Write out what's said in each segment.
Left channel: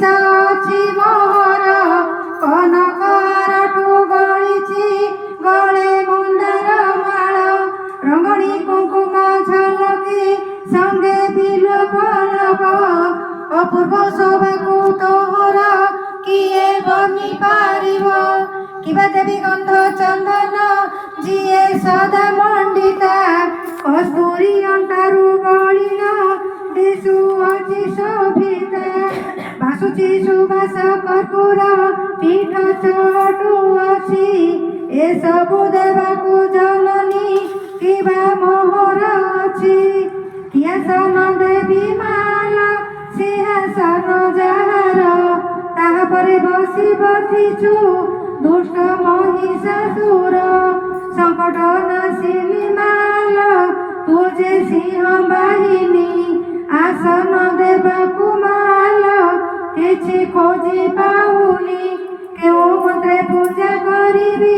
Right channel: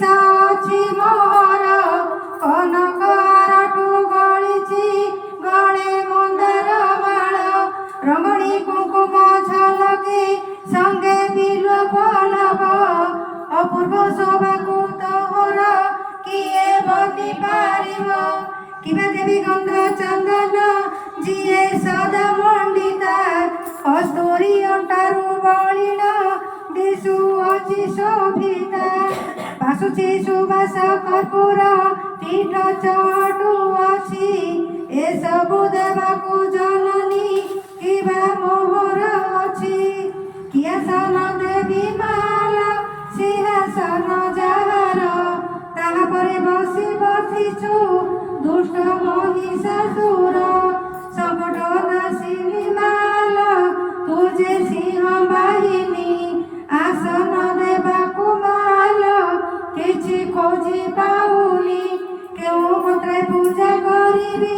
ସାଚି ମୋର କନକରଠୁ ଗଳିଛି ଗଳେ ମନ୍ଦାର ମାଳ ରଙ୍ଗଣୀ କୁଙ୍କୁମ ଝଲକି ସଙ୍ଗେ ବିଲ ଫଳବ ଅପୂର୍ବ ଶୋଭାକୁ ତୋର କିଏ ବନି ପାରିବ କିବା ଦେବୀ ଗନ୍ଧ ଚନ୍ଦନ ଯିଏ ସଦା ମଣ୍ଡିତା କସ୍ତୁରୀ ଅଣ୍ଟାରୁ ବଳିଣ ଦିଶୁଅଛି ଶୋଭିତା ଭାସୁଛି ସୁବାସ କର୍ପୂର ପୀଠ ଚଟୁଅଛି ଏସବୁ ଦେବାକୁ ଜନନୀ କିବା ମୋହର ଅଛି କିଆସନ ଦେବୀ ମାଲ ସିଂହାସନ ଯାହାର ତାହାପରେ ବସି ବସିଛୁ ଦୁଷ୍ଟ ମହିଷାସୁର ସଙ୍କଟ ନାଶିନୀ ମାଲ ତୁ ଯେ ସିଂହ ବାହିନୀ ଆସନ ଦେବାକୁ ମାଲ କିଛି ଖୋଜି ପାଉନି କେଉଁ ମନ୍ତ୍ରେ ପୂଜା କରିବି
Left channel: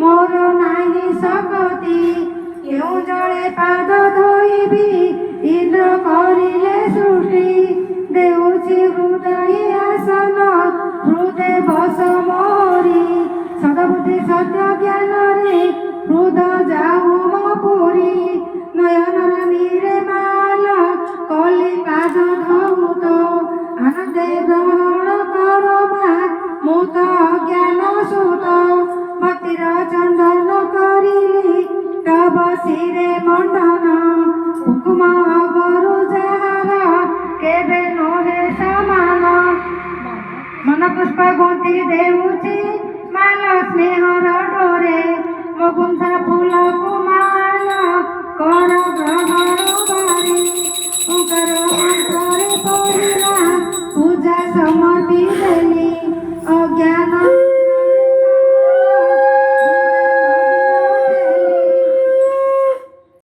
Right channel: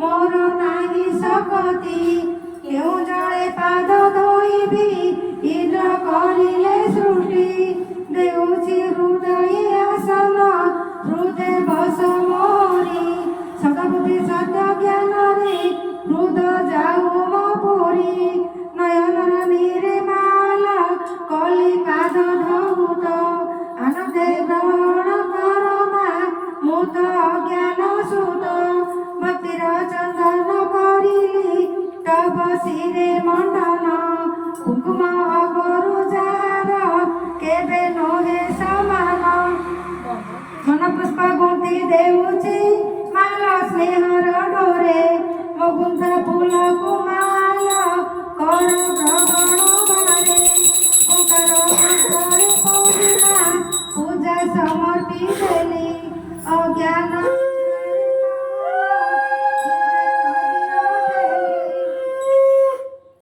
ମୋର ନାହିଁ ଶକ୍ତି କେଉଁ ଜଳେ ପାଦ ଧୋଇବି ଇନ୍ଦ୍ର କରିଲେ ସୃଷ୍ଟି ଦେଉଛି ହୃଦୟ ଆସନ ହୃଦୟ ବସ ମୋରି ସଦବୁଦ୍ଧି ସତ୍ୟ ଜ୍ଞାନରେ ହୃଦ ଯାଉ ମୋ ପୁରୀ ନୟନର ନୀରେ ମାଲ କଲି ପାଦ ଧୌତ ଆନନ୍ଦେ ଗ୍ରହଣ କର ମା ମୁଁ ତ ଅଜ୍ଞାନ ସୁତ ଭକ୍ତିର ଚନ୍ଦନ କରିଲି ତବ ଶିରେ ମଣ୍ଡନ କୁଙ୍କୁମ ଅଗରୁ ଯାହାର କେବେ ନୁହେଁ ସମାନ ମନ ପୁଷ୍ପ ଗୁନ୍ଥି ଦେଉଛି ମାଲ ସ୍ନେହର ଡୋରେ ମୋ ଗୁନ୍ଥା ଫୁଲକୁ ମାଲ କର ଗ୍ରହଣ ବାରେ ଓଙ୍କାର ମନ୍ତ୍ର